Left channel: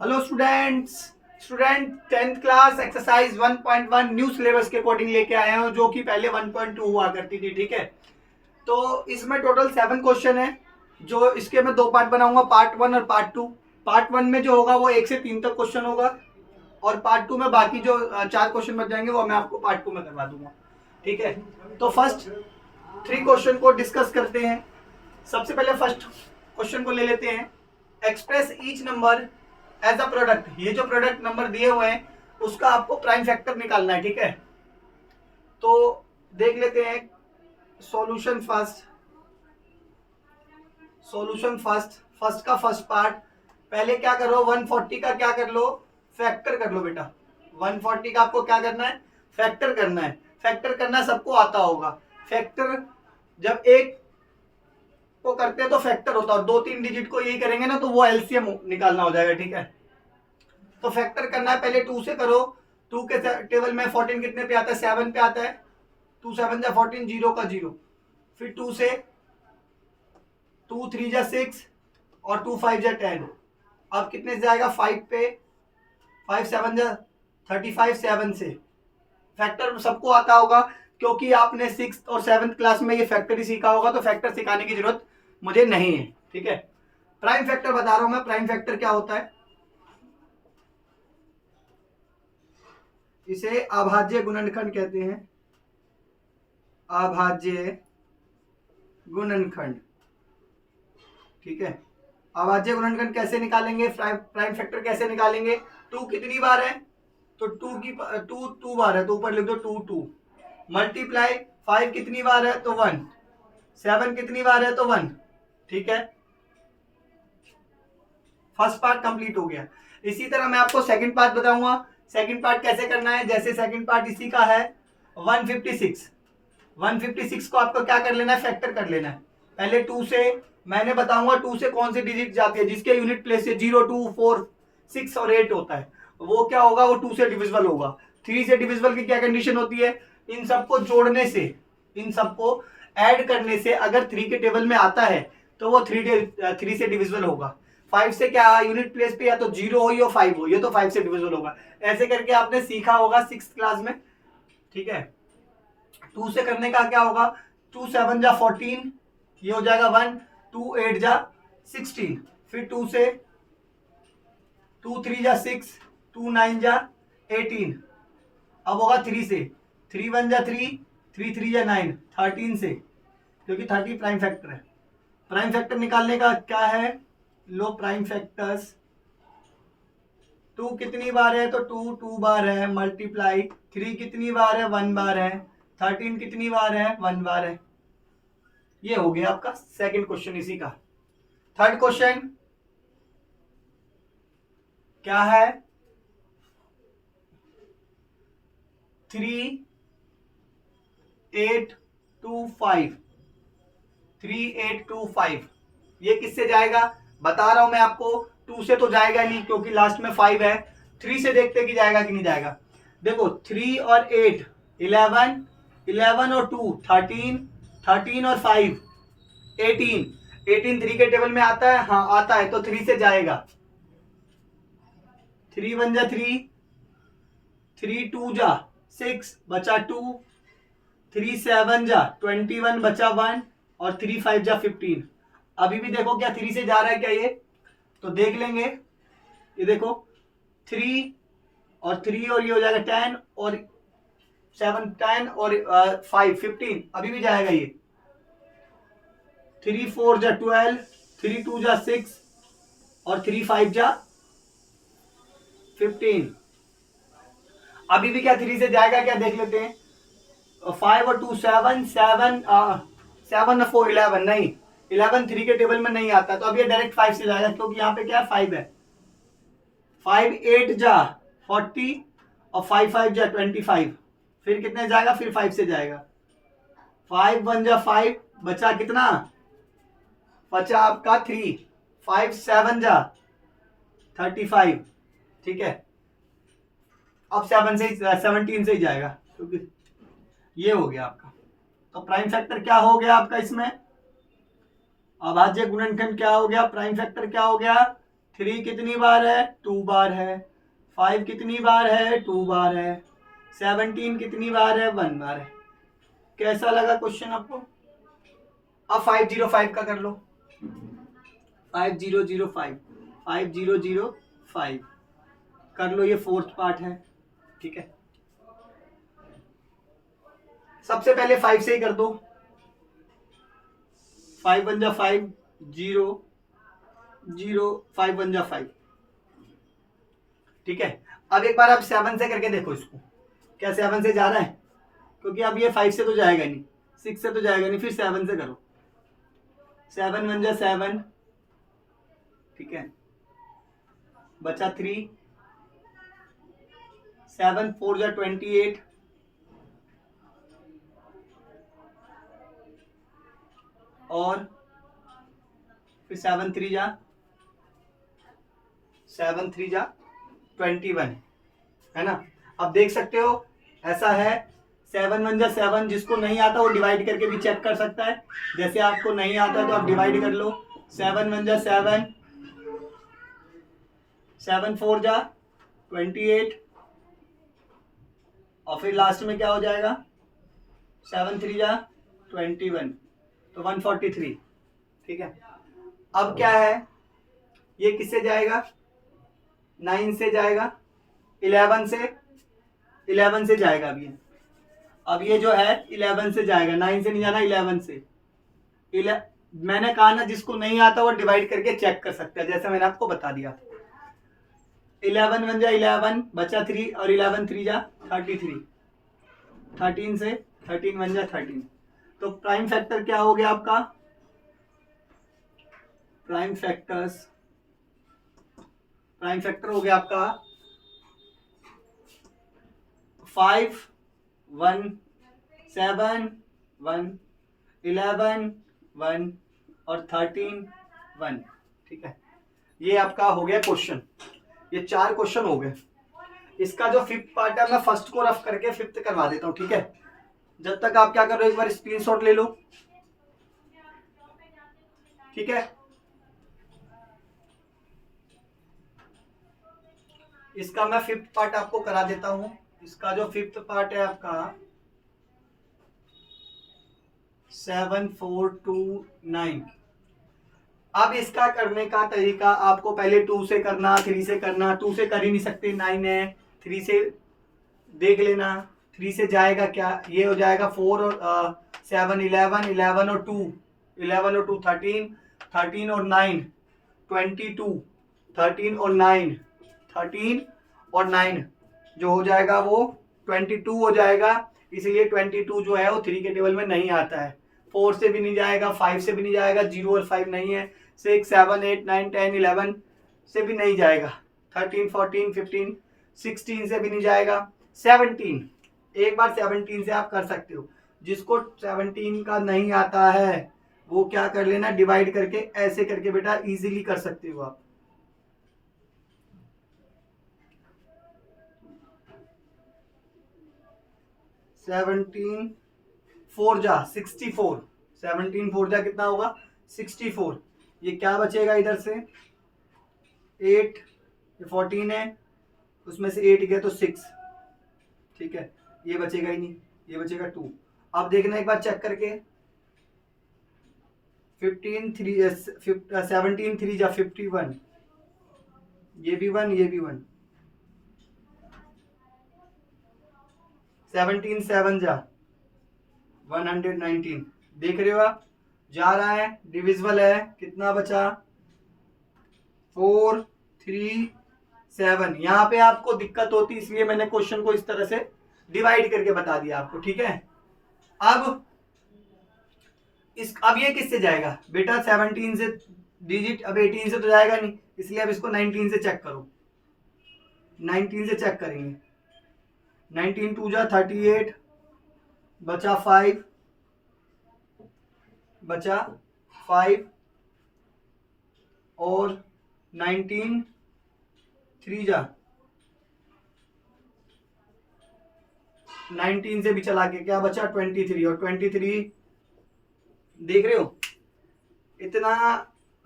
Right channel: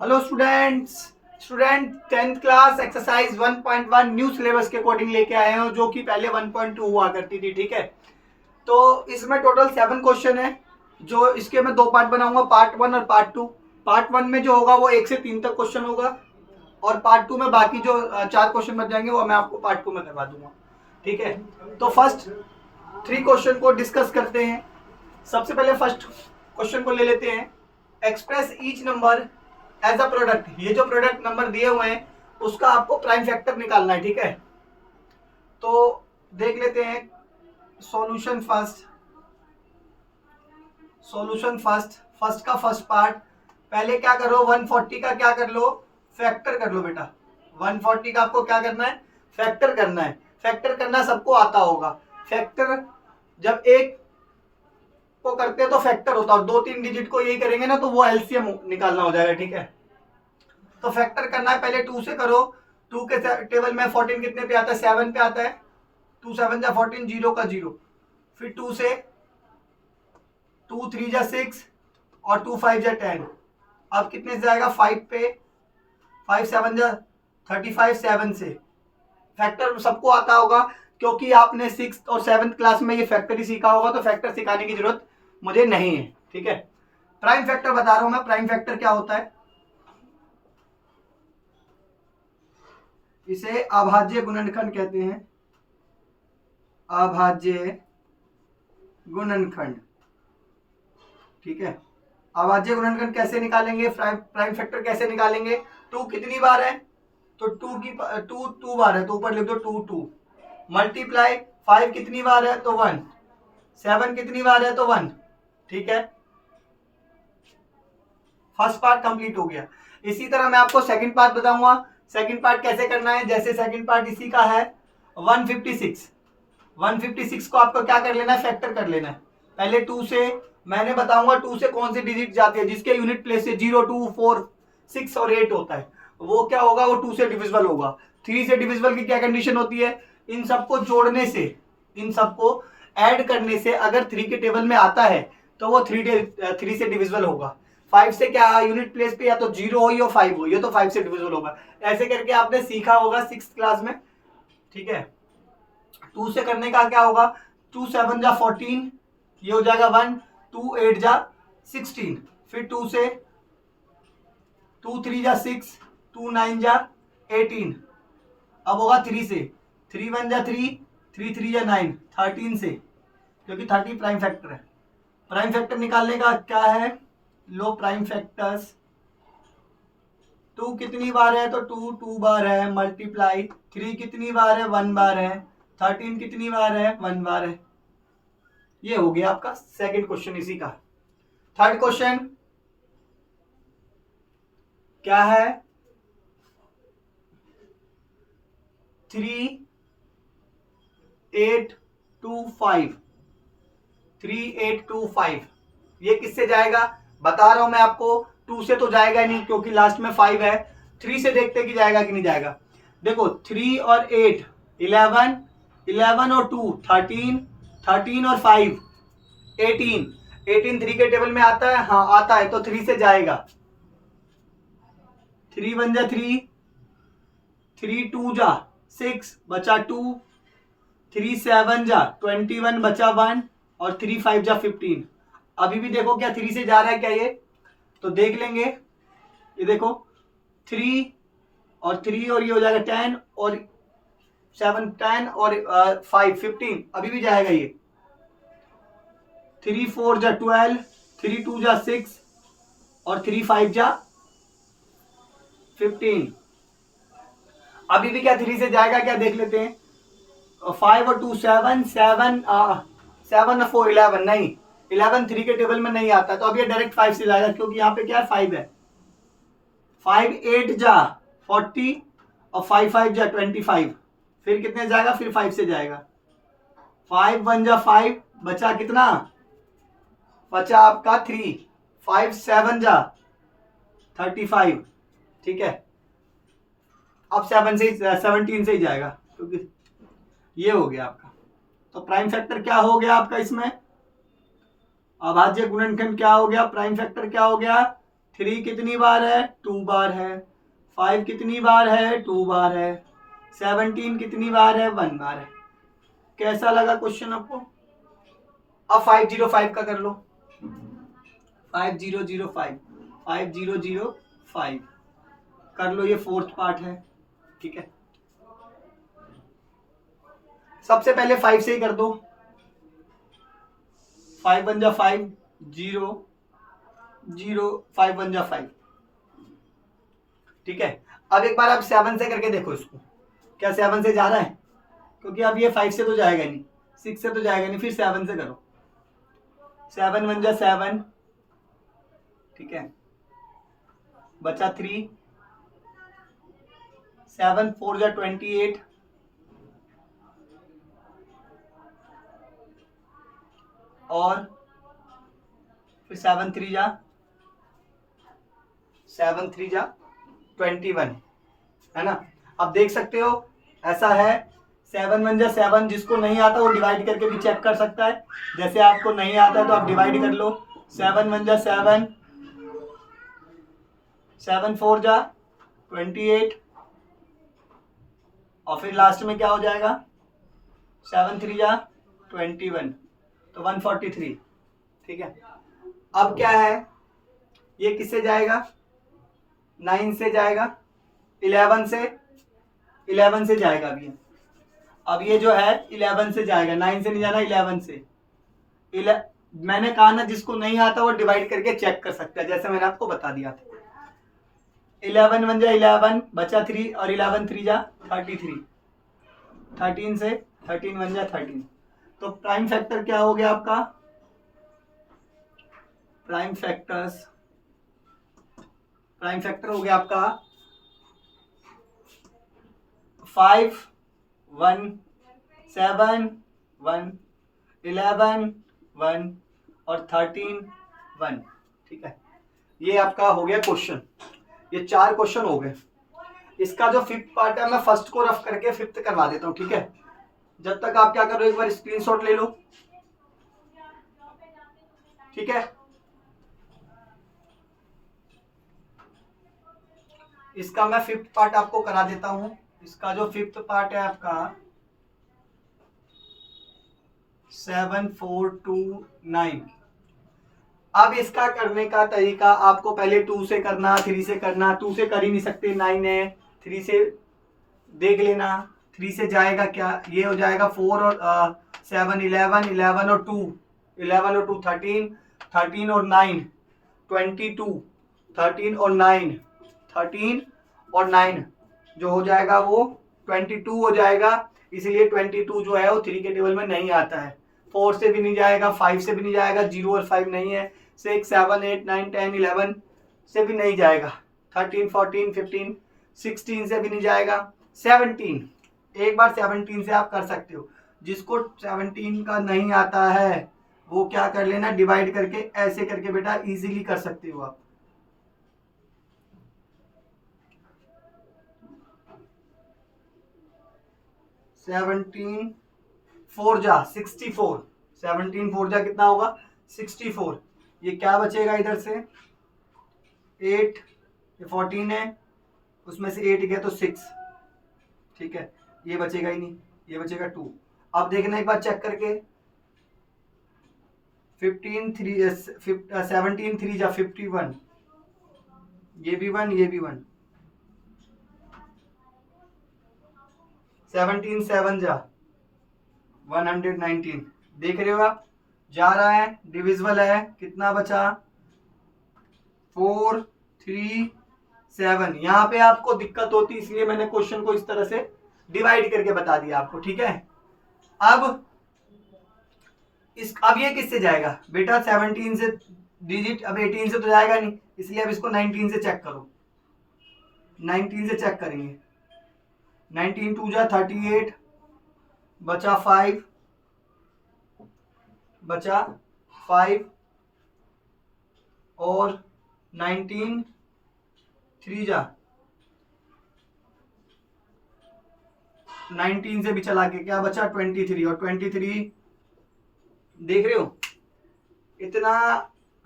Hello students. Student 10th class exercise 1.1 new syllabus के according लेके आए हैं जो कि पहले 1.2 हुआ करती थी। ठीक है, तो इसमें टोटल 7 क्वेश्चन है। जो इसके मैं दो पार्ट बनाऊंगा, पार्ट 1 और पार्ट 2। पार्ट 1 में जो होगा वो 1 से 3 तक क्वेश्चन होगा और पार्ट 2 में बाकी जो 4 क्वेश्चन बच जाएंगे वो मैं आपको पार्ट 2 में करवा दूंगा। ठीक है, तो फर्स्ट 3 क्वेश्चन को डिस्कस करते हैं। सबसे पहले फर्स्ट क्वेश्चन को ले लेते हैं। Express each number as a product. ये जो प्रोडक्ट नंबर दिए हुए हैं उसका आपको प्राइम फैक्टर निकालना है। ठीक है, तो देख लेते हैं सॉल्यूशन फर्स्ट। फर्स्ट का फर्स्ट पार्ट। पहले क्या करो, 140 का क्या कर लो, फैक्टर कर लो बेटा। 140 का आपको क्या करना है, फैक्टर करना है। फैक्टर करना सबको आता होगा। फैक्टर जब एक को करते हैं तो फैक्टर होता है और 2-3 डिजिट को यही करेंगे ना तो वो एलसीएम निकालना हो जाएगा। ठीक है, तो फैक्टर करना है। पहले 2 से करो। 2 के टेबल में 14 कितने पे आता है, 7 पे आता है। 2 7 जा 14, 0 का 0। फिर 2 से 2 3 जा 6 और 2 5 जा 10। अब कितने से जाएगा, 5 पे। 5 7 जा 35, 7 से। फैक्टर सबको आता होगा क्योंकि आपने 6th और 7th क्लास में ये फैक्टर ही सीखा होगा, तो फैक्टर सिखाने की जरूरत मुझे नहीं है। ठीक है, प्राइम फैक्टर बता रहा हूं मैं। प्राइम फैक्टर क्या होता है, इसे अभाज्य गुणनखंड कहते हैं। अभाज्य गुणनखंड। ठीक है, अभाज्य गुणनखंड कैसे निकालेंगे, प्राइम फैक्टर कैसे निकालेंगे। 2 कितनी बार है, तो 2 बार है तो ऊपर लिख दो 2 2। मल्टीप्लाई 5 कितनी बार है तो 1। 7 कितनी बार है तो 1। ठीक है, फर्स्ट पार्ट कंप्लीट हो गया। इसी तरह मैं आपको सेकंड पार्ट बताऊंगा। सेकंड पार्ट कैसे करना है, जैसे सेकंड पार्ट इसी का है 156। 156 को आपको क्या कर लेना है, फैक्टर कर लेना है। पहले 2 से, मैंने बताऊंगा 2 से कौन सी डिजिट जाती है, जिसके यूनिट प्लेस से 0 2 4 6 और 8 होता है, वो क्या होगा, वो 2 से डिविजिबल होगा। 3 से डिविजिबल की क्या कंडीशन होती है, इन सबको जोड़ने से, इन सबको ऐड करने से अगर 3 के टेबल में आता है तो वो 3 से डिविजिबल होगा। 5 से क्या यूनिट प्लेस पे या तो 0 हो या 5 हो, ये तो 5 से डिविजिबल होगा। ऐसे करके आपने सीखा होगा 6th क्लास में। ठीक है, 2 से करने का क्या होगा, 2 7 जा 14, ये हो जाएगा 1। 2 8 जा 16। फिर 2 से 2 3 जा 6, 2 9 जा 18। अब होगा 3 से, 3 1 जा 3, 3 3 जा 9, 13 से, क्योंकि 30 प्राइम फैक्टर है। प्राइम फैक्टर निकालने का क्या है, लो प्राइम फैक्टर्स। 2 कितनी बार है तो 2 2 बार है। मल्टीप्लाई 3 कितनी बार है, 1 बार है। 13 कितनी बार है, 1 बार है। ये हो गया आपका सेकंड क्वेश्चन इसी का। थर्ड क्वेश्चन क्या है, 3825। 3825 ये किससे जाएगा, बता रहा हूं मैं आपको। 2 से तो जाएगा नहीं क्योंकि लास्ट में 5 है। 3 से देखते कि जाएगा कि नहीं जाएगा। देखो 3 और 8 11, 11 और 2 13, 13 और 5 18। 18 3 के टेबल में आता है, हाँ आता है, तो 3 से जाएगा। 3 1 जा 3, 3 2 जा 6 बचा 2, 3 7 जा 21 बचा 1 और 3 5 जा 15। अभी भी देखो क्या 3 से जा रहा है क्या, ये तो देख लेंगे। ये देखो 3 और 3 और ये हो जाएगा 10 और 7 10 और 5 15। अभी भी जाएगा ये। 3 4 जा 12, 3 2 जा 6 और 3 5 जा 15। अभी भी क्या 3 से जाएगा क्या, देख लेते हैं। 5 और 2 7 7 7 और 4 11 नहीं, 11 3 के टेबल में नहीं आता, तो अब ये डायरेक्ट 5 से जाएगा क्योंकि यहाँ पे क्या है 5 है। 5 8 जा 40 और 5 5 जा 25। फिर कितने जाएगा, फिर 5 से जाएगा। 5 1 जा 5 बचा कितना, बचा आपका 3। 5 7 जा 35। ठीक है, अब 7 से 17 से ही जाएगा क्योंकि ये हो गया आपका। तो प्राइम फैक्टर क्या हो गया आपका इसमें, अभाज्य गुणनखंड क्या हो गया, प्राइम फैक्टर क्या हो गया 3 कितनी बार है? 2 बार है। 5 कितनी बार है? 2 बार है। 17 कितनी बार है? 1 बार है। कैसा लगा क्वेश्चन आपको? अब 505 का कर लो। 5005 5005 कर लो, ये फोर्थ पार्ट है। ठीक है, सबसे पहले 5 से ही कर दो। 5 1 जा 5, 0 0, 5 1 जा 5। ठीक है, अब एक बार आप 7 से करके देखो इसको, क्या 7 से जा रहा है? क्योंकि अब ये 5 से तो जाएगा नहीं, 6 से तो जाएगा नहीं, फिर 7 से करो। 7 1 जा 7, ठीक है, बचा 3, 7 4 जा 28, और फिर 7 3 जा 21, है ना। अब देख सकते हो ऐसा है, 7 1 जा 7, जिसको नहीं आता वो डिवाइड करके भी चेक कर सकता है। जैसे आपको नहीं आता है तो आप डिवाइड कर लो। 7 1 जा 7, 7 4 जा 28, और फिर लास्ट में क्या हो जाएगा? 7 3 जा 21, तो 143। ठीक है, अब क्या है, ये किससे जाएगा? 9 से जाएगा, 11 से जाएगा। अब ये जो है 11 से जाएगा, 9 से नहीं जाना, 11 से। मैंने कहा ना, जिसको नहीं आता वो डिवाइड करके चेक कर सकता है, जैसे मैंने आपको बता दिया था। 11 1 जा 11, बचा 3, और 11 3 जा 33, 13 से 13 1 जा 13। तो प्राइम फैक्टर क्या हो गया आपका? प्राइम फैक्टर हो गया आपका 5 1 7 1 11 1 और 13 1। ठीक है, ये आपका हो गया क्वेश्चन। ये 4 क्वेश्चन हो गए। इसका जो 5th पार्ट है मैं फर्स्ट को रफ करके 5th करवा देता हूँ। ठीक है, जब तक आप क्या करो, एक बार स्क्रीनशॉट ले लो। ठीक है, इसका मैं 5th पार्ट आपको करा देता हूं। इसका जो 5th पार्ट है आपका 7 4 2 9। अब इसका करने का तरीका आपको पहले 2 से करना, 3 से करना। 2 से कर ही नहीं सकते, 9 है। 3 से देख लेना, 3 से जाएगा क्या? ये हो जाएगा 4 और 7 11, 11 और 2 11 और 2 13, 13 और 9 22, 13 और 9 13 और 9 जो हो जाएगा वो 22 हो जाएगा। इसलिए 22 जो है वो 3 के टेबल में नहीं आता है। 4 से भी नहीं जाएगा, 5 से भी नहीं जाएगा, 0 और 5 नहीं है। 6 7 8 9 10 11 से भी नहीं जाएगा। 13 14 15 16 से भी नहीं जाएगा। 17, एक बार 17 से आप कर सकते हो। जिसको 17 का नहीं आता है वो क्या कर लेना, डिवाइड करके ऐसे करके बेटा इजीली कर सकते हो आप। 17 4 जा 64, 17 4 जा कितना होगा? 64। ये क्या बचेगा इधर से? 8, ये 14 है, उसमें से 8 गया तो 6। ठीक है, ये बचेगा ही नहीं, ये बचेगा 2। अब देखना एक बार चेक करके, 15 3 17 3 जा 51, ये भी 1, ये भी 1। 17 7 जा 119। देख रहे हो आप, जा रहा है, डिविजिबल है। कितना बचा? 4 3 7। यहाँ पे आपको दिक्कत होती, इसलिए मैंने क्वेश्चन को इस तरह से डिवाइड करके बता दिया आपको। ठीक है, अब ये किससे जाएगा बेटा? 17 से डिजिट, अब 18 से तो जाएगा नहीं, इसलिए अब इसको 19 से चेक करो। 19 से चेक करेंगे। 19 2 जा 38, बचा 5, बचा 5 और 19 3 जा 19 से भी चला के क्या बचा? 23। और 23 देख रहे हो, इतना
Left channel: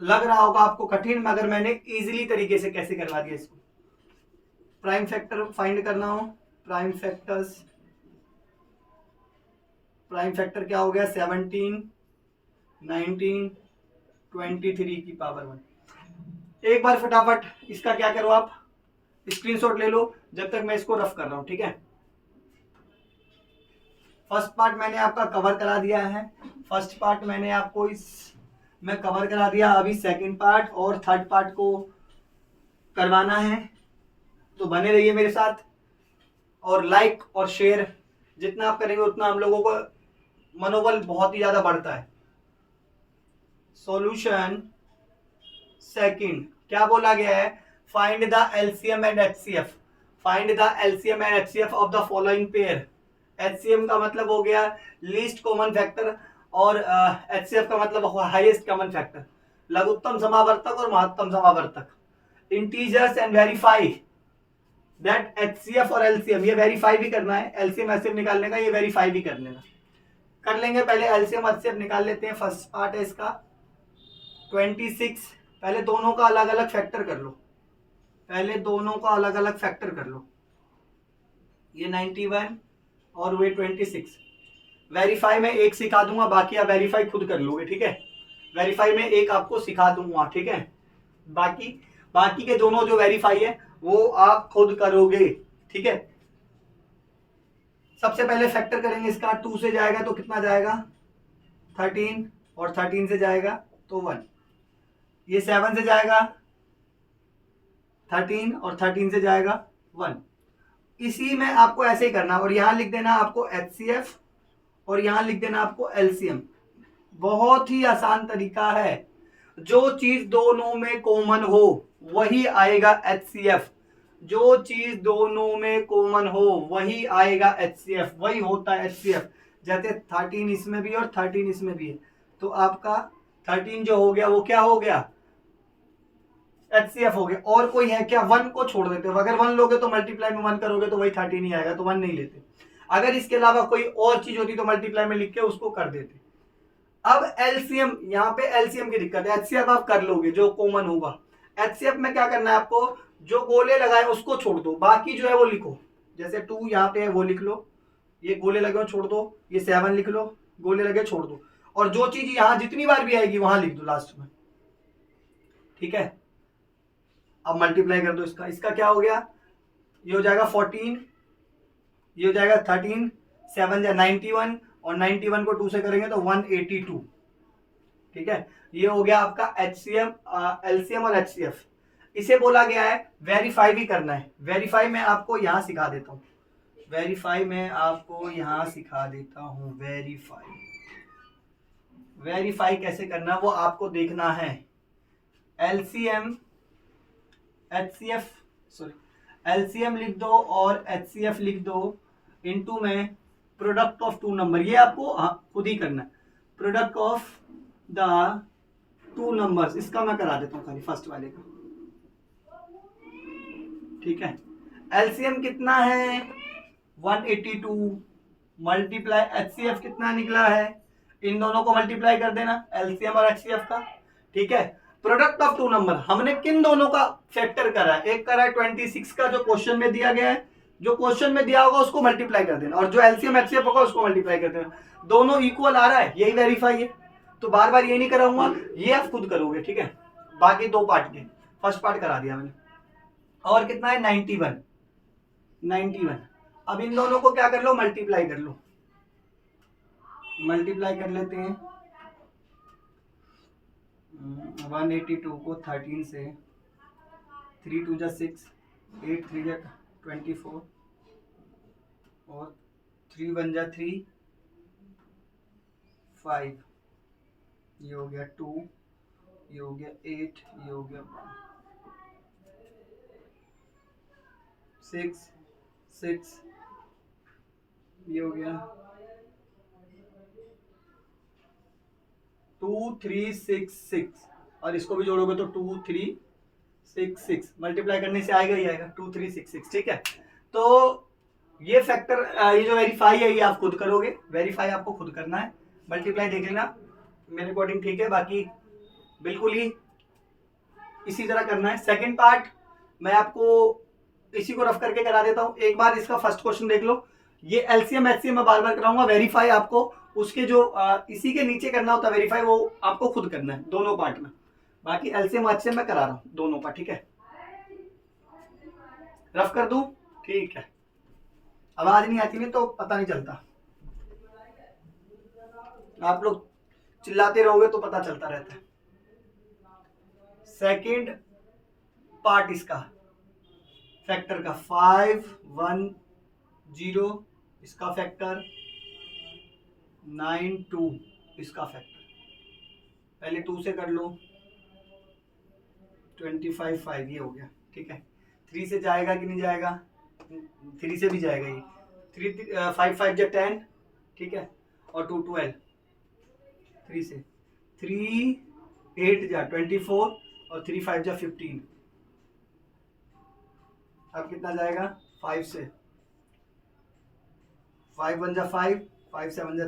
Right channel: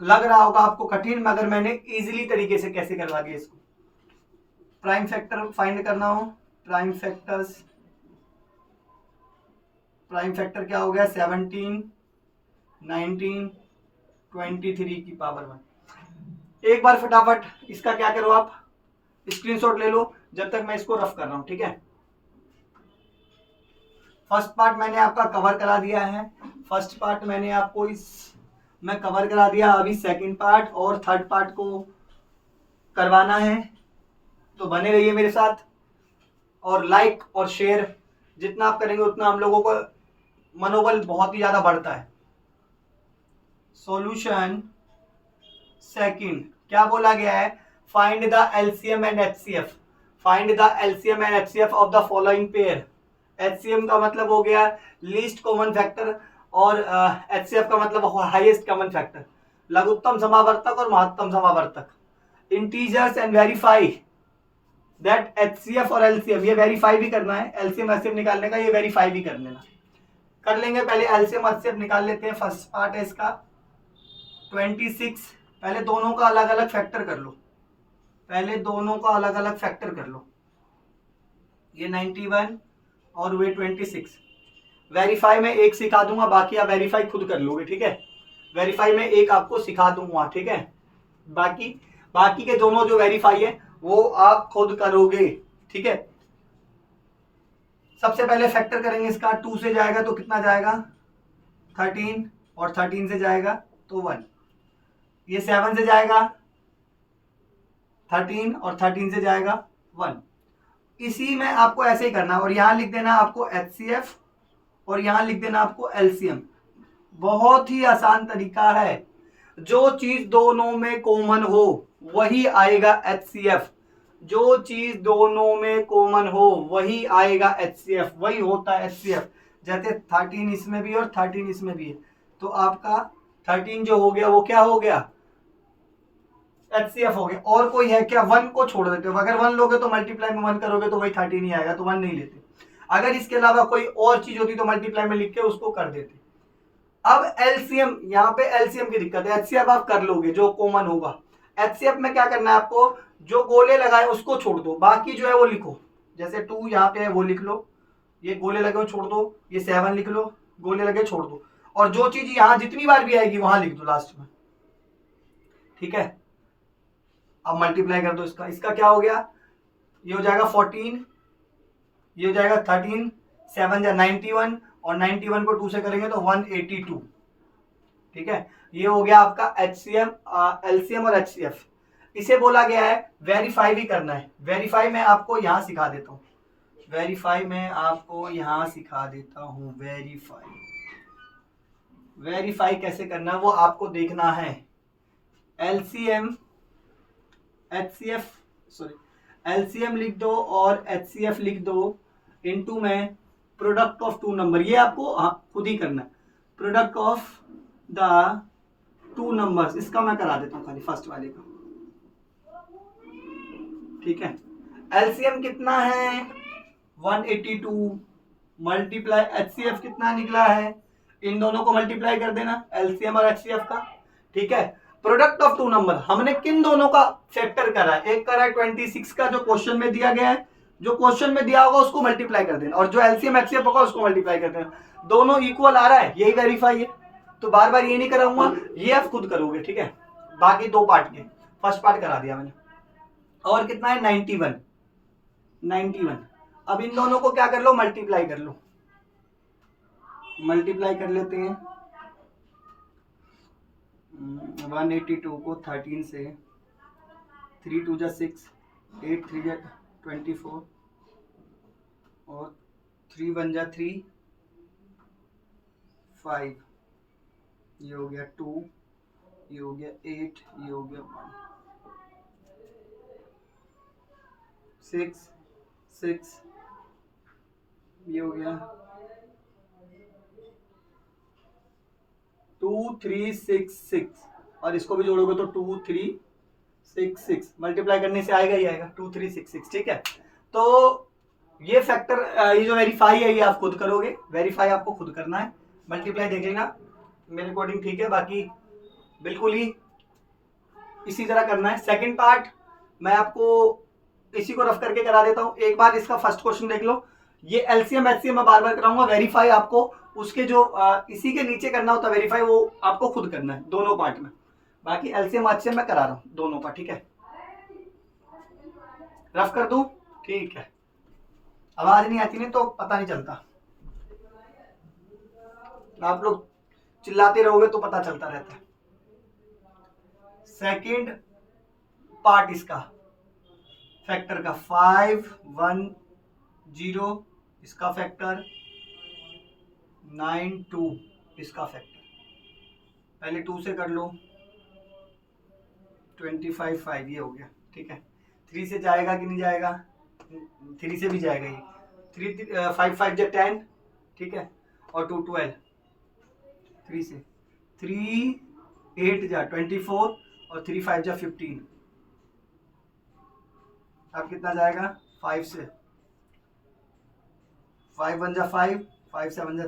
लग रहा होगा आपको कठिन, मगर मैंने इजीली तरीके से कैसे करवा दिया इसको। प्राइम फैक्टर फाइंड करना हो, प्राइम फैक्टर क्या हो गया 17, 19, 23 की पावर 1। एक बार फटाफट इसका क्या करो, आप स्क्रीनशॉट ले लो जब तक मैं इसको रफ कर रहा हूं, ठीक है। फर्स्ट पार्ट मैंने आपका कवर करा दिया है, फर्स्ट पार्ट मैंने आपको मैं कवर करा दिया। अभी सेकंड पार्ट और थर्ड पार्ट को करवाना है, तो बने रहिए मेरे साथ। और लाइक और शेयर जितना आप करेंगे उतना हम लोगों को मनोबल बहुत ही ज्यादा बढ़ता है। सॉल्यूशन सेकंड क्या बोला गया है, find the LCM and HCF, find the LCM and HCF of the following pair. HCM का मतलब हो गया लीस्ट कॉमन फैक्टर, और एचसीएफ का मतलब हाईएस्ट कॉमन फैक्टर, लघुत्तम समावर्तक और महत्तम समावर्तक। Integers and verify that HCF और एलसीएम, ये वेरीफाई भी करना है, एलसीएम एचसीएफ निकालने का, ये वेरीफाई भी कर लेना, कर लेंगे। पहले एलसीएम एचसीएफ निकाल लेते हैं। फर्स्ट पार्ट है इसका 26, पहले दोनों का अलग अलग फैक्टर कर लो, पहले दोनों का अलग अलग फैक्टर कर लो। ये 91 और वे 26। वेरीफाई में एक सिखा दूंगा, बाकी आप वेरीफाई खुद कर लोगे, ठीक है। वेरीफाई में एक आपको सिखा दूंगा, ठीक है। बाकी के दोनों जो वेरीफाई है वो आप खुद करोगे, ठीक है। सबसे पहले फैक्टर करेंगे इसका, 2 से जाएगा तो कितना जाएगा 13, और 13 से जाएगा तो 1। ये 7 से जाएगा 13, और 13 से जाएगा 1। इसी में आपको ऐसे ही करना, और यहां लिख देना आपको एचसीएफ, और यहां लिख देना आपको एलसीएम। बहुत ही आसान तरीका है, जो चीज दोनों में कॉमन हो वही आएगा एचसीएफ, जो चीज दोनों में कॉमन हो वही आएगा एचसीएफ, वही होता है एचसीएफ। जैसे 13 इसमें भी है और 13 इसमें भी है, तो आपका 13 जो हो गया वो क्या हो गया एचसीएफ हो गया। और कोई है क्या, 1 को छोड़ देते हो, अगर 1 लोगे तो मल्टीप्लाई में 1 करोगे तो वही 13 ही आएगा, तो 1 नहीं लेते। अगर इसके अलावा कोई और चीज होती तो मल्टीप्लाई में लिख के उसको कर देते। अब एलसीएम, यहाँ पे एलसीएम की दिक्कत है, एचसीएफ आप कर लोगे जो कॉमन होगा। एचसीएफ में क्या करना है आपको, जो गोले लगाए उसको छोड़ दो, बाकी जो है वो लिखो। जैसे 2 यहाँ पे है वो लिख लो, ये गोले लगे छोड़ दो, ये 7 लिख लो, गोले लगे छोड़ दो, और जो चीज यहाँ जितनी बार भी आएगी वहां लिख दो लास्ट में, ठीक है। अब मल्टीप्लाई कर दो इसका, इसका क्या हो गया, ये हो जाएगा 14, ये हो जाएगा 13, 7 या 91, और 91 को 2 से करेंगे तो 182, ठीक है। ये हो गया आपका एचसीएम, एलसीएम और एचसीएफ। इसे बोला गया है वेरीफाई भी करना है। वेरीफाई मैं आपको यहां सिखा देता हूं, वेरीफाई मैं आपको यहां सिखा देता हूं। वेरीफाई कैसे करना वो आपको देखना है। एलसीएम एचसीएफ, सॉरी, एलसीएम लिख दो और एचसीएफ लिख दो, इनटू में प्रोडक्ट ऑफ 2 नंबर, ये आपको खुद ही करना है। प्रोडक्ट ऑफ द 2 नंबर्स, इसका मैं करा देता हूं खाली फर्स्ट वाले का, ठीक है। एलसीएम कितना है 182, मल्टीप्लाई एचसीएफ कितना निकला है, इन दोनों को मल्टीप्लाई कर देना एलसीएम और एचसीएफ का, ठीक है। प्रोडक्ट ऑफ 2 नंबर हमने किन दोनों का फैक्टर करा है, एक करा है 26 का जो क्वेश्चन में दिया गया है, जो क्वेश्चन में दिया होगा उसको मल्टीप्लाई कर देना, और जो एलसीएम एचसीएफ होगा उसको मल्टीप्लाई कर देना। दोनों इक्वल आ रहा है, यही वेरीफाई है, तो बार बार ये नहीं कराऊंगा, ये आप खुद करोगे, ठीक है। बाकी 2 पार्ट के, फर्स्ट पार्ट करा दिया मैंने। और कितना है 91। अब इन दोनों को क्या कर लो, मल्टीप्लाई कर लो, मल्टीप्लाई कर लेते हैं। 182 को 13 से, 3 2 जा 6, 8 3 जा 24, और 3 1 जा 3, 5, ये हो गया 2, ये हो गया 8, ये हो गया 1, 6 6, ये हो गया 2 3 6 6, और इसको भी जोड़ोगे तो 2 3 6 6, मल्टीप्लाई करने से आएगा ही आएगा 2 3 6 6, ठीक है। तो ये फैक्टर, ये जो वेरीफाई है ये आप खुद करोगे, वेरीफाई आपको खुद करना है। मल्टीप्लाई देख लेना, मेरे अकॉर्डिंग ठीक है, बाकी बिल्कुल ही इसी तरह करना है। सेकंड पार्ट मैं आपको इसी को रफ करके करा देता हूँ। एक बार इसका फर्स्ट क्वेश्चन देख लो। ये एलसीएम एचसीएम मैं बार बार कराऊंगा। वेरीफाई आपको उसके जो इसी के नीचे करना होता है वेरीफाई, वो आपको खुद करना है दोनों पार्ट में। बाकी एलसीएम एचसीएम मैं करा रहा हूँ दोनों का, ठीक है। रफ कर दूं? ठीक है। आवाज नहीं आती नहीं तो पता नहीं चलता, आप लोग चिल्लाते रहोगे तो पता चलता रहता है। सेकंड पार्ट इसका फैक्टर का 510, इसका फैक्टर 92, इसका फैक्टर पहले 2 से कर लो, 25 ये हो गया, ठीक है। 3 से जाएगा कि नहीं जाएगा? 3 से भी जाएगा ये। 5 5 जा 10, ठीक है, और 2 12, 3 से 3 8 जा 24 और 3 5 जा 15। अब कितना जाएगा? 5 से 5 1 जा 5, 5 7 जा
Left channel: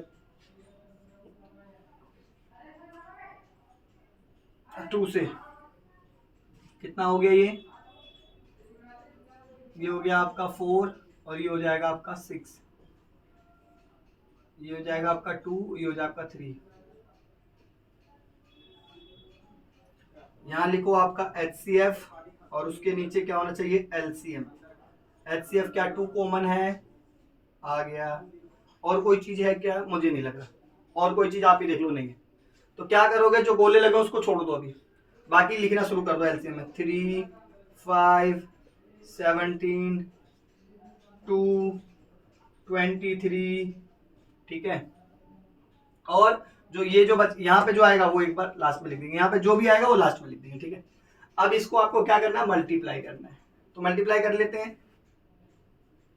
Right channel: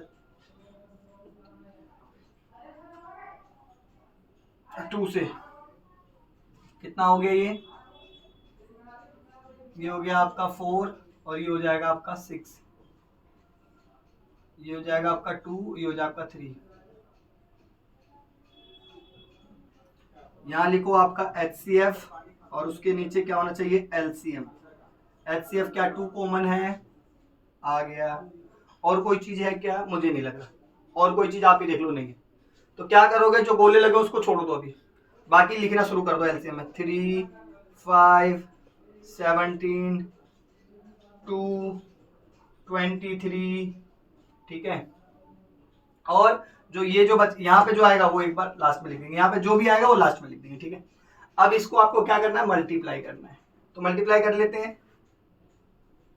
2 से कितना हो गया? ये हो गया आपका 4 और ये हो जाएगा आपका 6, ये हो जाएगा आपका 2, ये हो जाएगा आपका 3। यहाँ लिखो आपका HCF और उसके नीचे क्या होना चाहिए? LCM। HCF क्या 2 कॉमन है? आ गया। और कोई चीज है क्या? मुझे नहीं लग रहा और कोई चीज, आप ही देख लो नहीं है तो क्या करोगे? जो गोले लगे उसको छोड़ दो अभी, बाकी लिखना शुरू कर दो। LCM में 3 5 17 2 23, ठीक है। और जो ये जो यहाँ पे जो आएगा वो एक बार लास्ट में लिख देंगे, यहाँ पे जो भी आएगा वो लास्ट में लिख देंगे, ठीक है। अब इसको आपको क्या करना है? मल्टीप्लाई करना है। तो मल्टीप्लाई कर लेते हैं।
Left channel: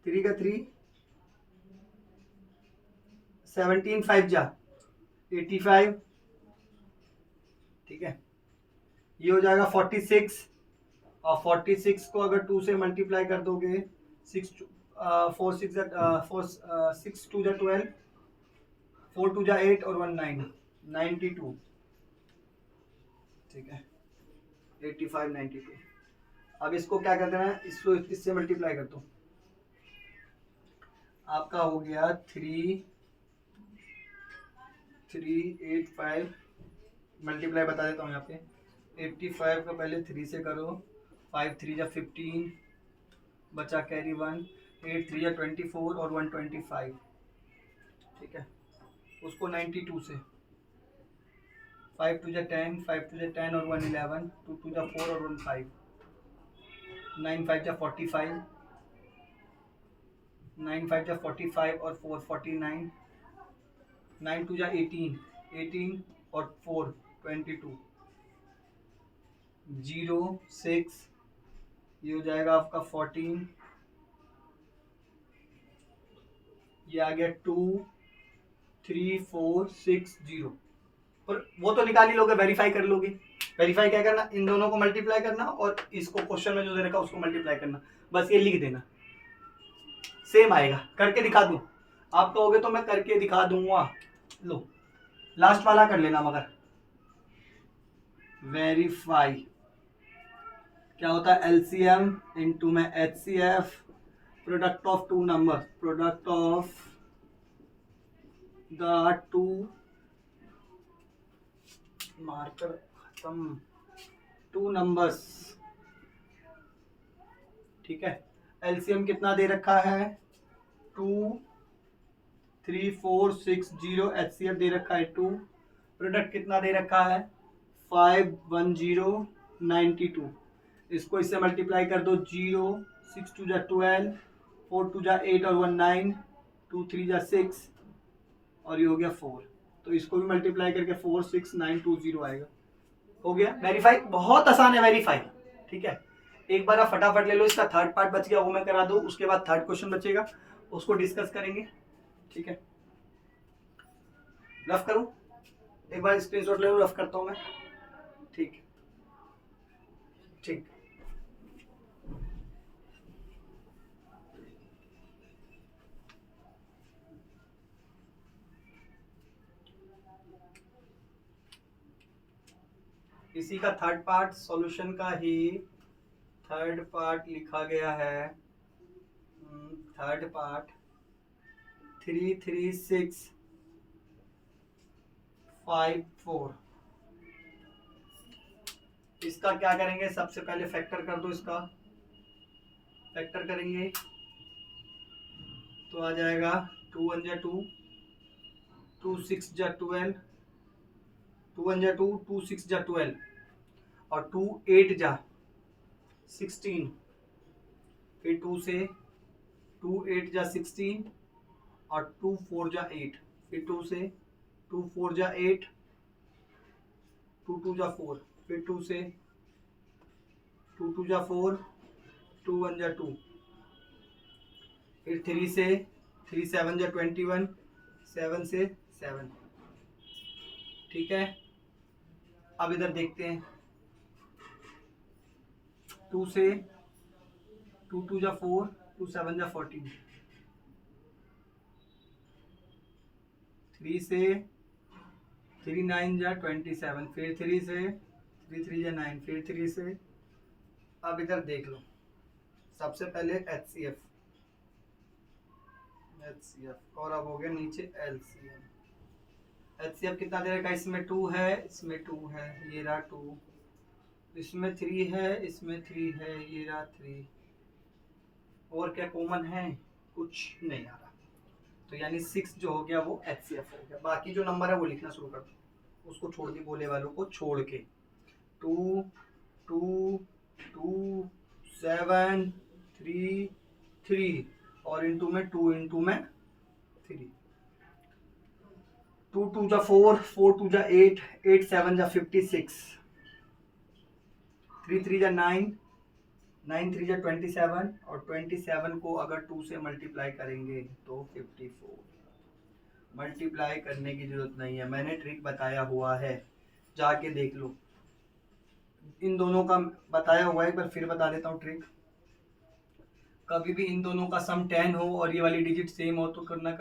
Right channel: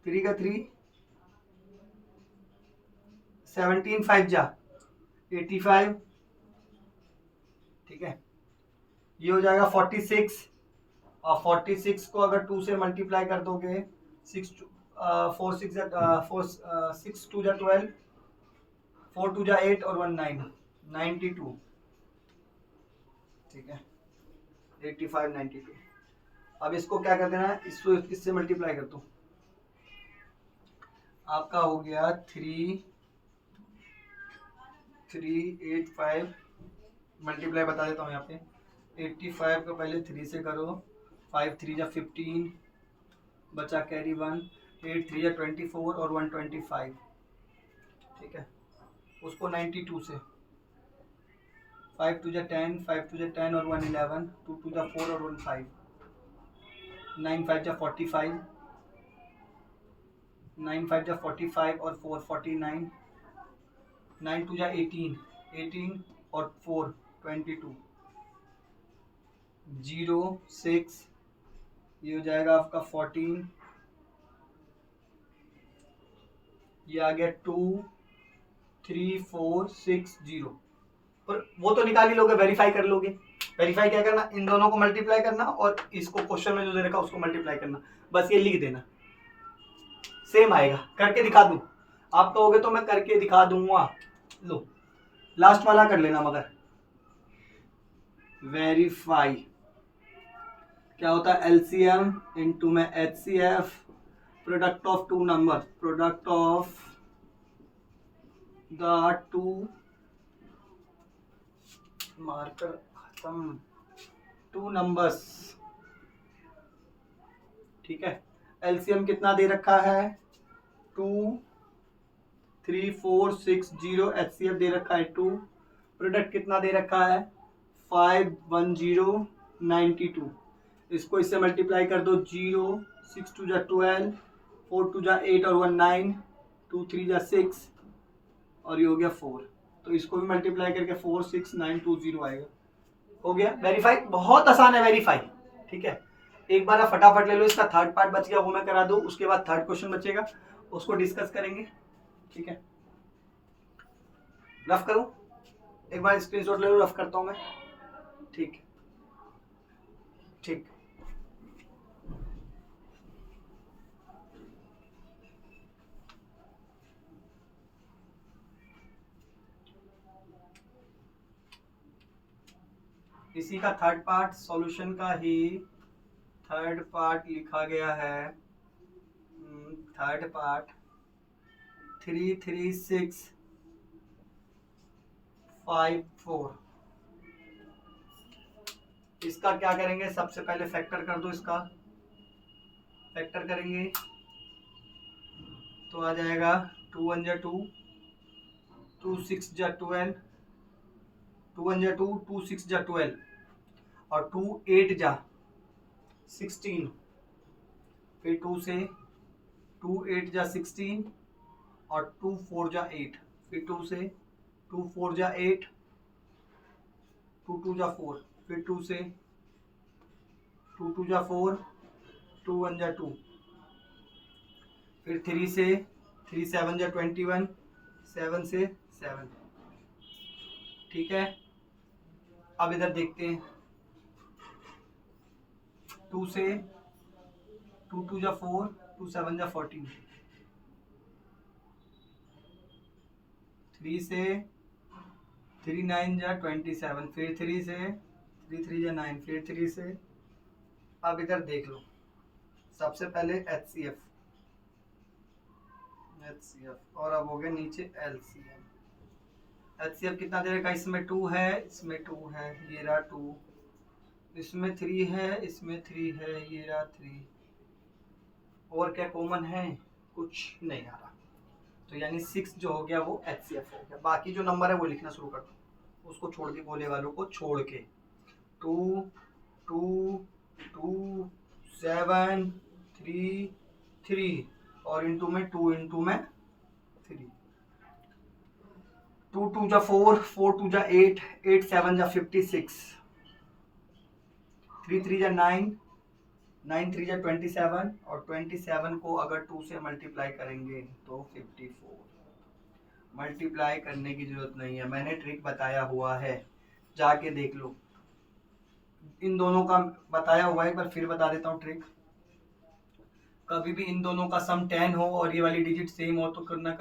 3 का 3, 17 5 जा 85, ठीक है। ये हो जाएगा 46 और 46 को अगर 2 से मल्टीप्लाई कर दोगे 6 4 6 6 2 जा 12, 4 2 जा 8 और 1 9, 92, ठीक है। 85 92। अब इसको क्या कर देना है? इसको इससे मल्टीप्लाई कर दो। आपका हो गया 3 3 8 5, मल्टीप्लाई बता देता हूँ यहाँ पे। 85 को पहले 3 से करो, 5 3 जा 15, बचा कैरी 1, 8 3 जा 24 और 1 25, ठीक है। उसको 92 से 5 2 जा 10, 5 2 जा 10 और 1 11, 2 2 जा 4 और 1 5, 9 5 जा 45, 9 5 जा 45 और 4 49, 9 2 जा 18, 18 और 4 22, 0 6, ये हो जाएगा आपका 14, ये आ गया 2 3 4 6 0। और वो तो निकाल ही लोगे, वेरीफाई कर लोगे। वेरीफाई क्या करना? इन दोनों को मल्टीप्लाई करना और इसको क्वेश्चन में जो दे रखा उसको मल्टीप्लाई करना, बस ये लिख देना, सेम आएगा। करके दिखा दूं? आप कहोगे तो मैं करके दिखा दूंगा। लो लास्ट वाला कर लेना, मगर वेरीफाई क्या होता है? LCM इंटू में HCF, product of two number, product of the two marker खत्म, 2 नंबर्स, ठीक है। LCM कितना दे रखा है? 2 3 4 6 0, HCF दे रखा है 2, प्रोडक्ट कितना दे रखा है? 5 1 0 92। इसको इससे मल्टीप्लाई कर दो, 0 6 2 जा 12, 4 2 जा 8 और 1 9, 2 3 जा 6 और ये हो गया 4। तो इसको भी मल्टीप्लाई करके 4 6 9 2 0 आएगा। हो गया वेरीफाई। बहुत आसान है वेरीफाई, ठीक है। एक बार आप फटाफट ले लो। इसका थर्ड पार्ट बच गया, वो मैं करा दूं, उसके बाद थर्ड क्वेश्चन बचेगा, उसको डिस्कस करेंगे, ठीक है। रफ करूं? एक बार स्क्रीनशॉट ले लो, रफ करता हूं मैं, ठीक ठीक। इसी का थर्ड पार्ट सॉल्यूशन का ही थर्ड पार्ट लिखा गया है। Third part 33654। इसका क्या करेंगे, सबसे पहले फैक्टर कर दो। इसका फैक्टर करेंगे तो आ जाएगा 2 1 जा 2, 2 6 जा 12, 2 1 जा 2, 2 6 जा 12 और 2 8 जा 16। फिर 2 से 2 8 जा 16 और 2 4 जा 8। फिर 2 से 2 4 जा 8, 2 2 जा 4। फिर 2 से 2 2 जा 4, 2 1 जा 2। फिर 3 से 3 7 जा 21, 7 से 7। ठीक है, अब इधर देखते हैं। 2 से 2 2 जा 4, 2 7 जा 14। 3 से 3 9 जा 27। फिर 3 से 3 3 जा 9। फिर 3 से, अब इधर देख लो। सबसे पहले HCF और अब हो गया नीचे LCM। HCF कितना दे रखा है, इसमें 2 है, इसमें 2 है, ये रहा 2, इसमें 3 है, इसमें 3 है, ये रहा 3। और क्या कॉमन है, कुछ नहीं आ रहा। तो यानी 6 जो हो गया वो HCF हो गया। बाकी जो नंबर है वो लिखना शुरू कर दो, उसको छोड़ के, गोले वालों को छोड़ के। 2 2 2 7 3 3 और इंटू में 2 इंटू में 3। 2 2 जा 4, 4 2 जा 8, 8 7 जा 56, 3 3 जा 9, 9 3 जा 27 और 27 को अगर 2 से मल्टीप्लाई करेंगे तो 54। मल्टीप्लाई करने की जरूरत नहीं है, मैंने ट्रिक बताया हुआ है, जाके देख लो। इन दोनों का बताया हुआ है, एक बार फिर बता देता हूँ ट्रिक। कभी भी इन दोनों का सम 10 हो और ये वाली डिजिट सेम हो तो करना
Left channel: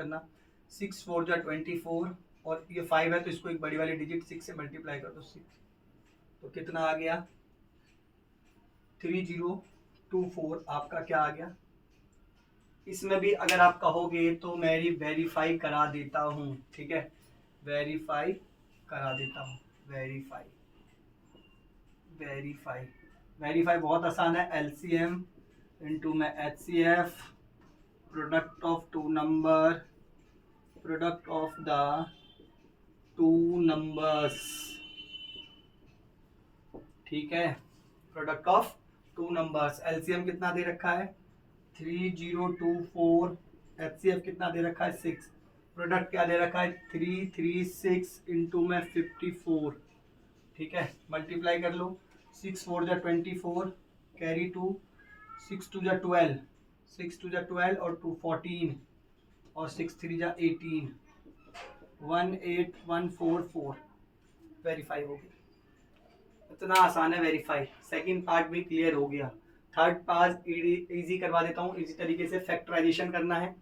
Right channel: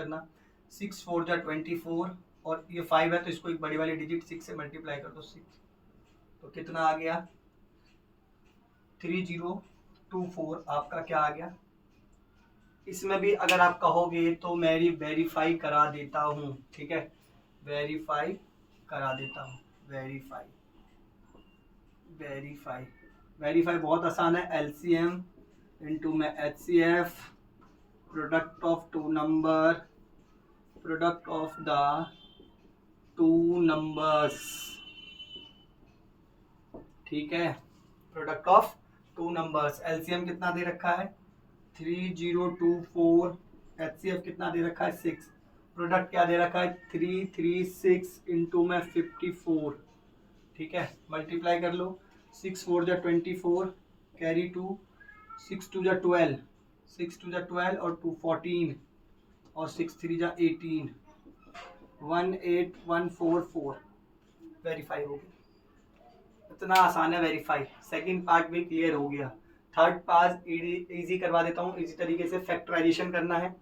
6 4 जा 24 और ये 5 है तो इसको एक बड़ी वाली डिजिट 6 से मल्टीप्लाई कर दो 6। तो कितना आ गया, 3024 आपका क्या आ गया। इसमें भी अगर आप कहोगे तो मैं वेरीफाई करा देता हूँ, ठीक है, वेरीफाई करा देता हूँ। वेरीफाई बहुत आसान है। LCM इंटू में HCF, product of two number, product of the two numbers, ठीक है, product of two numbers. LCM कितना दे रखा है 3024, HCF कितना दे रखा है 6, प्रोडक्ट क्या दे रखा है 336 इंटू में 54, ठीक है, मल्टीप्लाई कर लो। 6 4 जा 24, कैरी 2, 6 2 जा 12, 6 2 जा 12 और 2 14 और 6 3 जा 18, 18144। वेरीफाई हो गया। इतना आसान है वेरीफाई। सेकंड पार्ट भी क्लियर हो गया। थर्ड पार्ट इजी करवा देता हूँ। इजी तरीके से फैक्टराइजेशन करना है,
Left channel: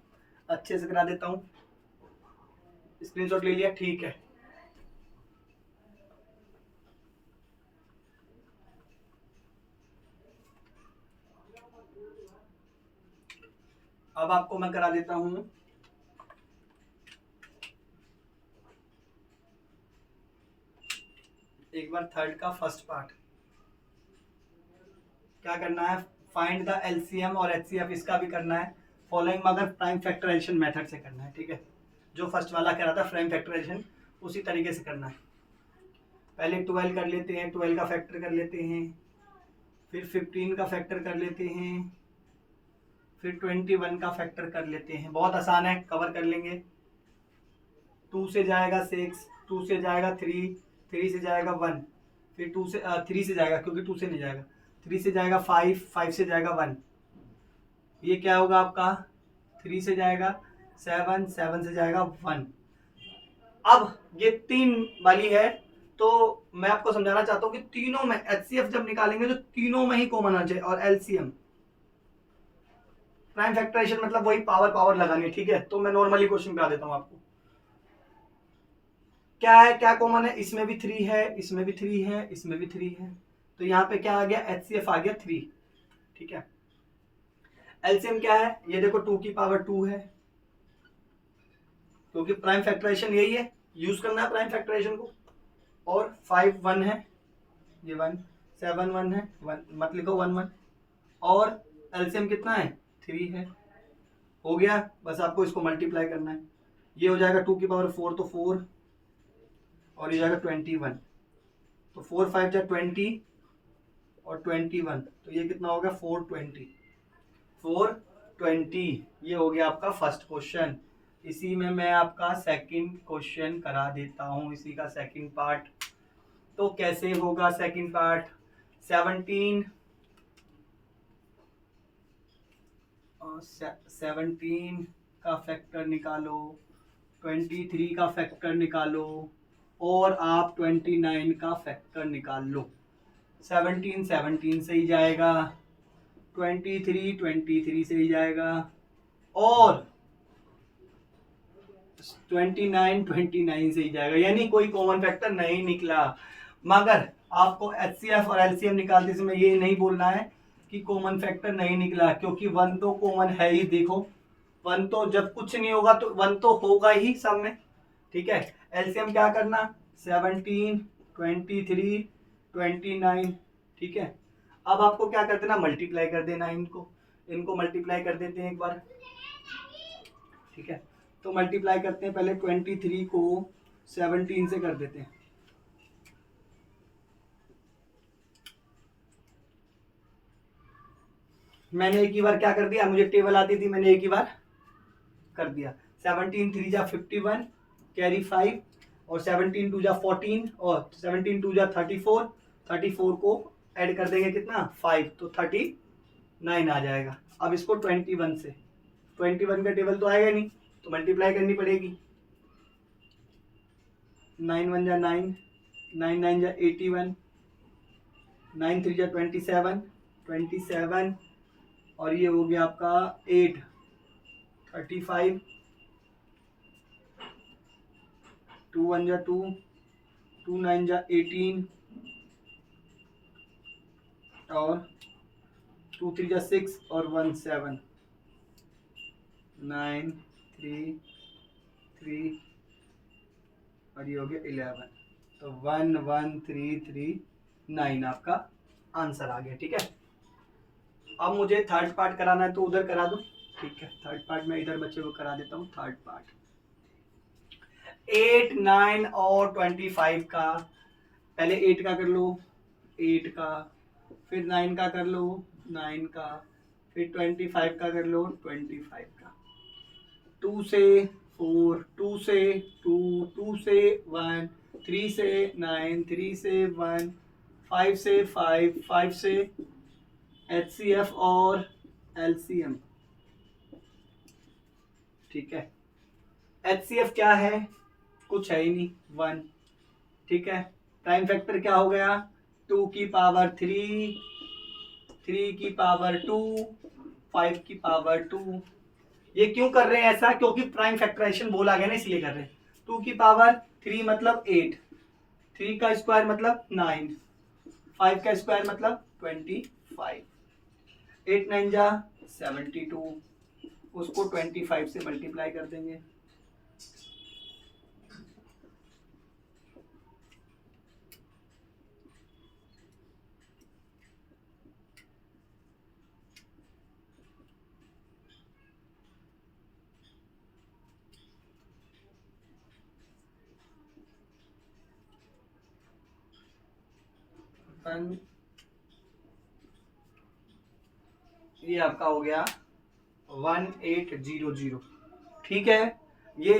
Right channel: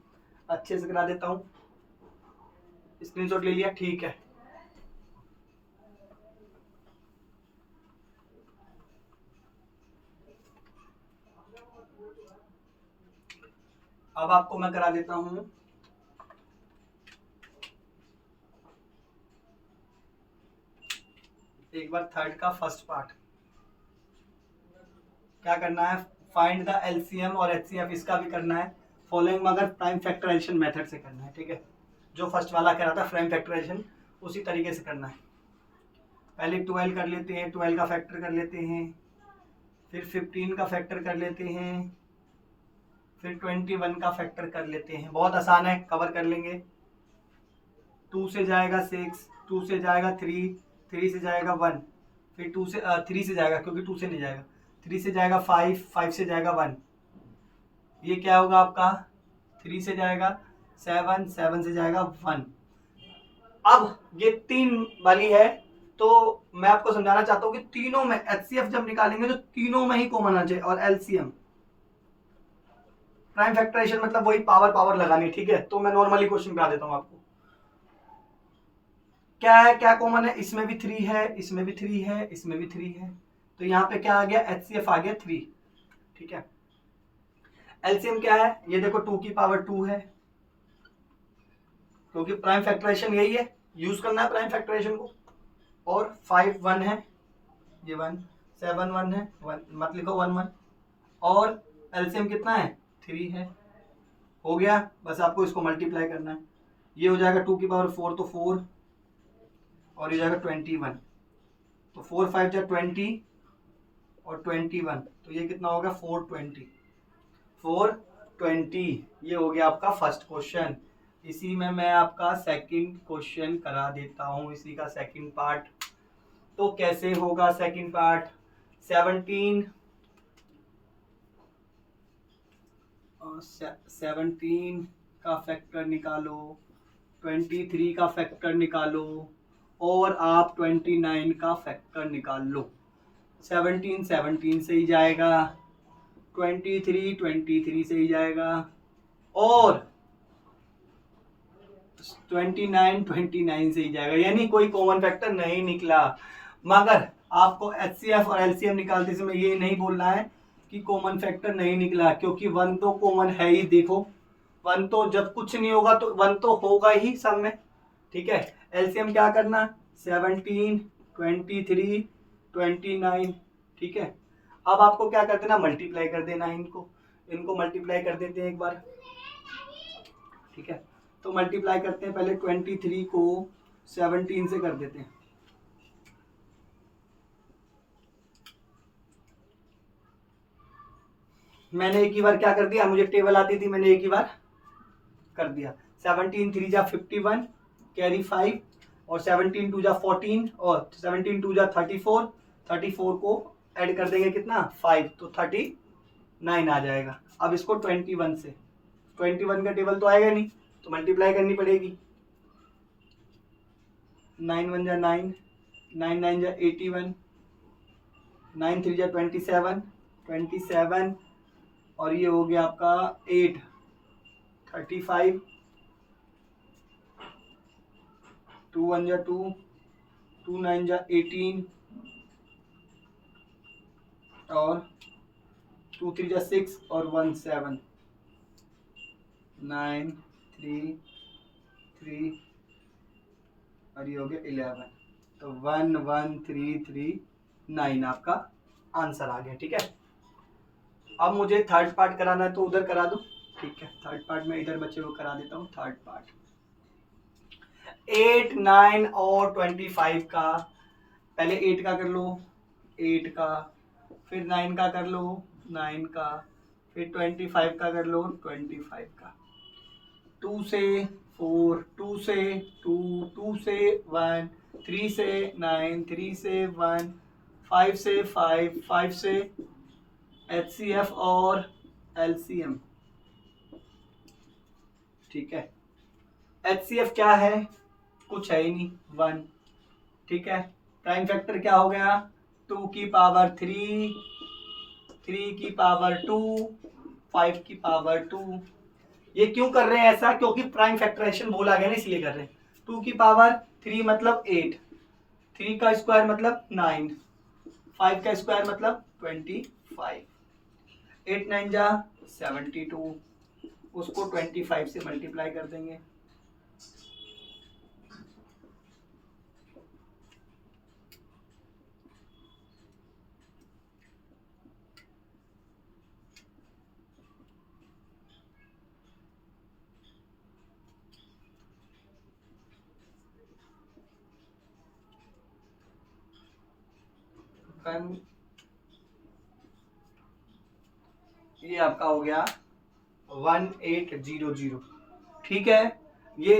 अच्छे से करा देता हूँ। स्क्रीनशॉट ले लिया, ठीक है। अब आपको मैं करा देता हूँ एक बार थर्ड का फर्स्ट पार्ट। क्या करना है, फाइंड द LCM और HCF, इसका भी करना है फॉलोइंग मगर प्राइम फैक्टराइजेशन मेथड से करना है, ठीक है। जो फर्स्ट वाला कह रहा था प्राइम फैक्टराइजेशन, उसी तरीके से करना है। पहले 12 कर लेते हैं, 12 का फैक्टर कर लेते हैं, फिर 15 का फैक्टर कर लेते हैं, फिर 21 का फैक्टर कर लेते हैं। बहुत आसान है, कवर कर लेंगे। 2 से जाएगा 6, 2 से जाएगा 3, 3 से जाएगा 1, फिर 2 से 3 से जाएगा, क्योंकि 2 से नहीं जाएगा, 3 से जाएगा 5, 5 से जाएगा 1, ये क्या होगा आपका 3 से जाएगा 7, 7 से जाएगा 1। अब ये 3 वाली है, तो मैं आपको समझाना चाहता हूँ कि तीनों में HCF जब निकालेंगे तो तीनों में ही कॉमन आ जाए। और LCM प्राइम फैक्टराइजेशन मतलब वही पावर लगानी, ठीक है। तो मैं नॉर्मली क्वेश्चन करा देता हूँ आपको। क्या है, क्या कॉमन है, इसमें भी 3 है, इसमें भी 3 है, इसमें भी 3 है, तो यहाँ पे क्या आ गया, HCF आ गया 3। ठीक है, एलसीएम क्या है, ये देखो 2 की पावर 2 है, क्योंकि प्राइम फैक्टराइजेशन यही है, यूज करना है प्राइम फैक्टराइजेशन को। और 5 1 है, ये 1 7 1 है, 1 मत लिखो 1 1, और एलसीएम कितना है, 3 है। हो गया, बस आपको इसको मल्टीप्लाई करना है, ये हो जाएगा 2 की पावर 4 तो 4, और ये जाएगा 21, तो 4 5 जा 20 और 21, तो ये कितना होगा 420, 420। ये हो गया आपका फर्स्ट क्वेश्चन। इसी में मैं आपका सेकंड क्वेश्चन करा देता हूँ, इसी का सेकंड पार्ट। तो कैसे होगा सेकंड पार्ट, 17 का फैक्टर निकालो, 23 का फैक्टर निकालो, और आप 29 का फैक्टर निकाल लो। 17 से ही जाएगा, 23 से ही जाएगा, और 29 से ही जाएगा, यानी कोई कॉमन फैक्टर नहीं निकला। मगर आपको HCF और LCM निकालते समय ये नहीं बोलना है कि कॉमन फैक्टर नहीं निकला, क्योंकि 1 तो कॉमन है ही। देखो 1 तो जब कुछ नहीं होगा तो 1 तो होगा ही सब में। ठीक है, LCM क्या करना, 17 23 29। ठीक है, अब आपको क्या कर देना, मल्टीप्लाई कर देना, इनको मल्टीप्लाई कर देते हैं एक बार। ठीक है, तो मल्टीप्लाई करते हैं, पहले 23 को 17 से कर देते हैं। मैंने एक ही बार क्या कर दिया, मुझे टेबल आती थी, मैंने एक ही बार कर दिया। 17 3 जा 51, कैरी 5, और 17 2 जा 14, और 17 2 जा 34, 34 को ऐड कर देंगे कितना, 5, तो 39 आ जाएगा। अब इसको 21 से, 21 का टेबल तो आएगा नहीं, तो मल्टीप्लाई करनी पड़ेगी। 9 1 जा 9, 9 9 जा 81, 9 3 जा 27, और ये हो गया आपका 8 35, 2 1 जा 2, 2 9 जा 18, और 2 3 जा 6, और 1 7, 9 3 3, और ये हो गया 11, तो 1 1 3 3 9 आपका आंसर आ गया। ठीक है, अब मुझे थर्ड पार्ट कराना है, तो उधर करा दो। ठीक है, थर्ड पार्ट में इधर बच्चे को करा देता हूँ। थर्ड पार्ट 8 9 और 25 का, पहले 8 का कर लो, 8 का, फिर 9 का कर लो, 9 का, फिर 25 का कर लो, 25 का। 2 से 4, 2 से 2, 2 से 1, 3 से 9, 3 से 1, 5 से 5, 5 से HCF और LCM। ठीक है, HCF क्या है, कुछ है ही नहीं, 1। ठीक है, प्राइम फैक्टर क्या हो गया, 2 की पावर 3, 3 की पावर 2, 5 की पावर 2। ये क्यों कर रहे हैं ऐसा, क्योंकि प्राइम फैक्टराइजेशन बोला गया ना, इसलिए कर रहे हैं। 2 की पावर 3 मतलब 8, 3 का स्क्वायर मतलब 9, 5 का स्क्वायर मतलब 25, 8 9 जा 72, उसको 25 से मल्टीप्लाई कर देंगे। ये आपका हो गया 1800। ठीक है, ये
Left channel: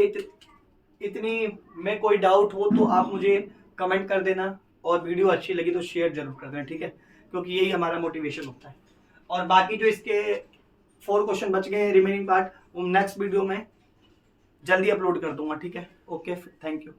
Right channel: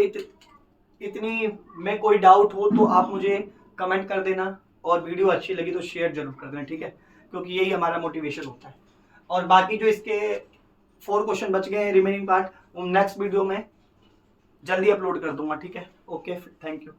इतनी में कोई डाउट हो तो आप मुझे कमेंट कर देना, और वीडियो अच्छी लगी तो शेयर जरूर कर देना। ठीक है, क्योंकि यही हमारा मोटिवेशन होता है। और बाकी जो इसके 4 क्वेश्चन बच गए रिमेनिंग पार्ट, वो नेक्स्ट वीडियो में जल्दी अपलोड कर दूंगा। ठीक है, ओके, थैंक यू।